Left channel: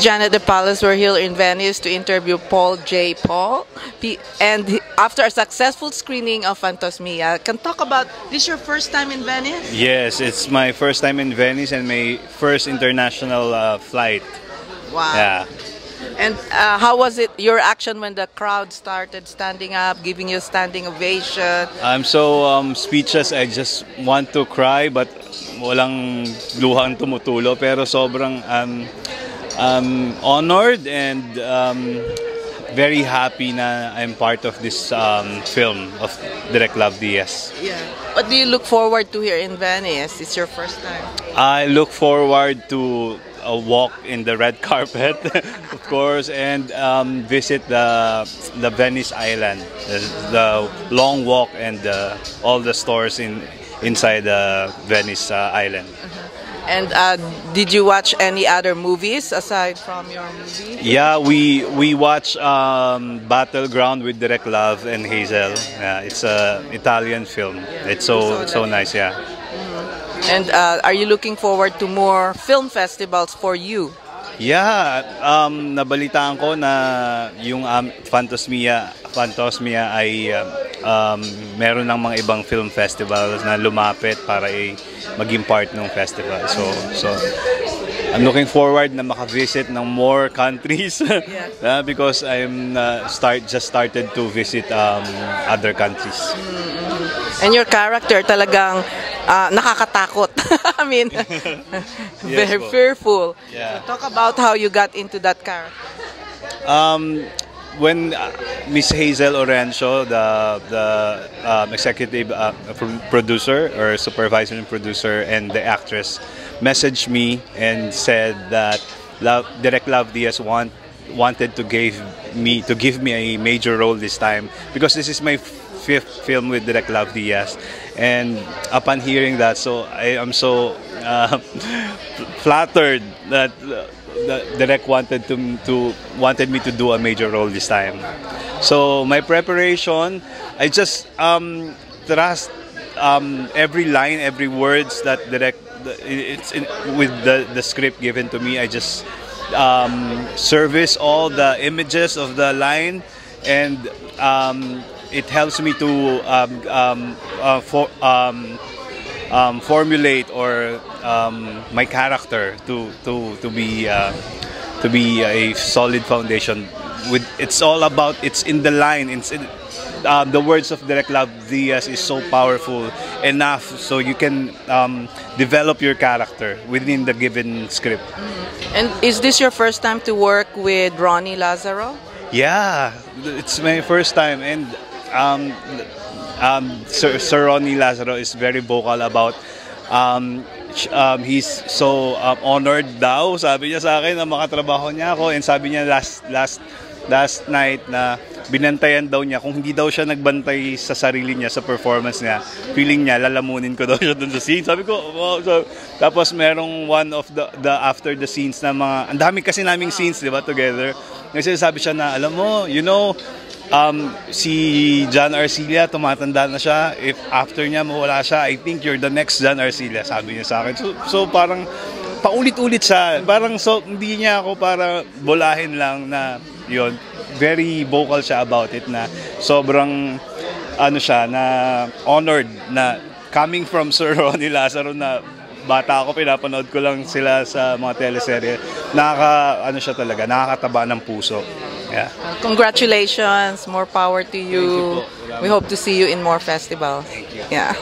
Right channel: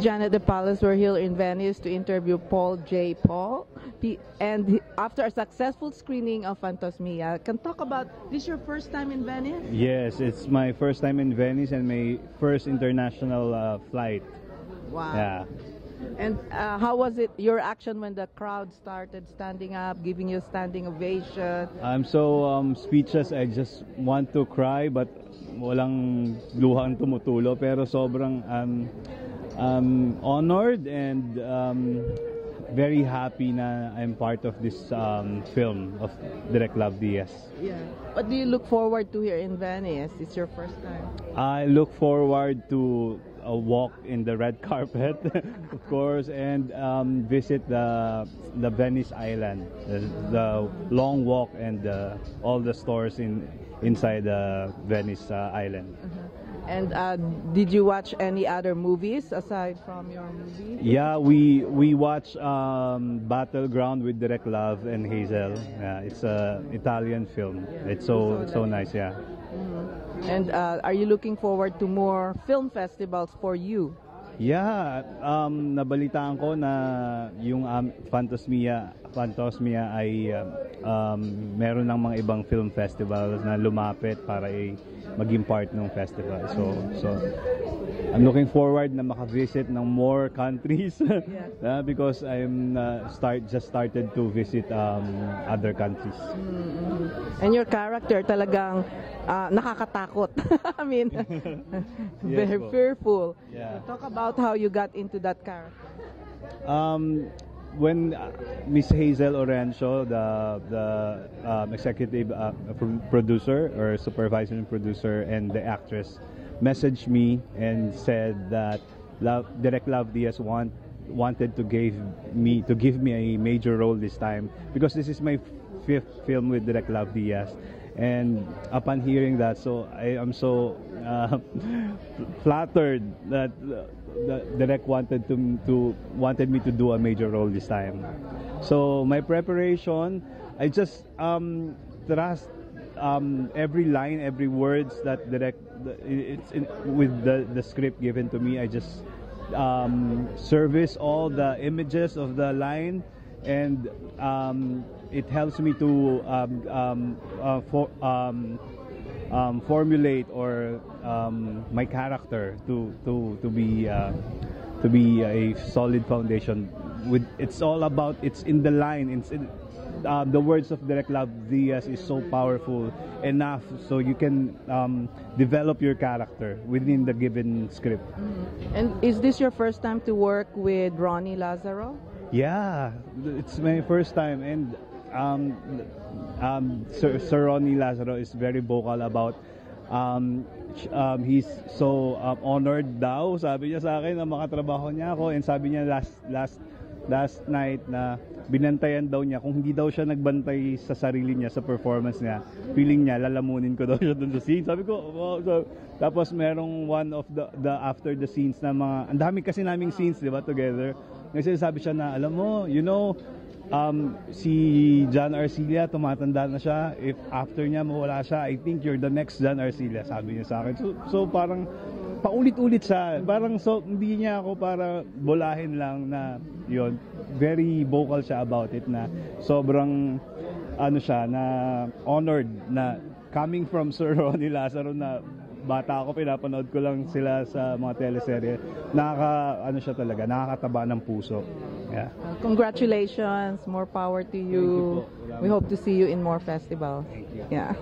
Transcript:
Janet De Palas. We're here in Venice to interview Paul J. Paul. After a successful screening of Fantasmia, can talk about this your first time in Venice? Yes, it's my first time in Venice and my first international flight. Wow. Yeah. And how was it, your action when the crowd started standing up, giving you a standing ovation? I'm so speechless. I just want to cry but walang luhang tumutulo. Pero sobrang honored and very happy na I'm part of this film of Direk Love Diaz. Yeah. What do you look forward to here in Venice? It's your first time. I look forward to a walk in the red carpet, of course, and visit the Venice Island, the long walk and all the stores inside the Venice Island. And did you watch any other movies aside from your movie? Yeah, we watch Battleground with Direk Love and Hazel. Yeah, it's an Italian film. Yeah, it's so nice. Yeah. And are you looking forward to more film festivals for you? Yeah, nabalitaan ko na yung Fantasmia ay meron ng mga ibang film festivals na lumapit para maging part ng festival. So I'm looking forward na makavisit ng more countries because I'm just started to visit other countries. And your character talagang nakakatakot. I mean, very fearful. Yeah. So talk about how you got into that character. When Miss Hazel Orencio, the executive producer or supervisor and producer and the actress, messaged me and said that Direk Love Diaz wanted to give me a major role this time because this is my fifth film with Direk Love Diaz, and upon hearing that, so I am so flattered that Direk wanted me to do a major role this time. So my preparation, I just trust every line, every words that Direk with the script given to me. I just service all the images of the line, and it helps me to formulate or my character to be a solid foundation. It's all about, it's in the line. The words of Direk Love Diaz is so powerful enough so you can develop your character within the given script. And is this your first time to work with Ronnie Lazaro? Yeah, it's my first time, and Sir Ronnie Lazaro is very vocal about he's so honored daw, sabi niya sa akin, na makatrabaho niya ako, and sabi niya last night na binantayan daw niya, kung hindi daw siya nagbantay sa sarili niya, sa performance niya, feeling niya lalamunin ko daw siya dun sa scene. Sabi ko, wow. So, tapos merong one of the after the scenes na mga, ang dami kasi naming scenes, di ba, together. Kasi sabi siya na, alam mo, si John Arcilla, tumatanda na siya. If after niya mawala siya, I think you're the next John Arcilla, sabi niya sa akin. So parang paulit-ulit siya. Parang hindi niya ako para bolahin lang na yon. Very vocal siya about it, na sobrang siya, na honored na coming from Sir Ronnie Lazaro, na bata ako, pinapanood ko lang sila sa mga teleserye. Siya talaga, nakakataba ng puso. Yeah. Congratulations, more power to you. We hope to see you in more festivals. Thank you. Yeah.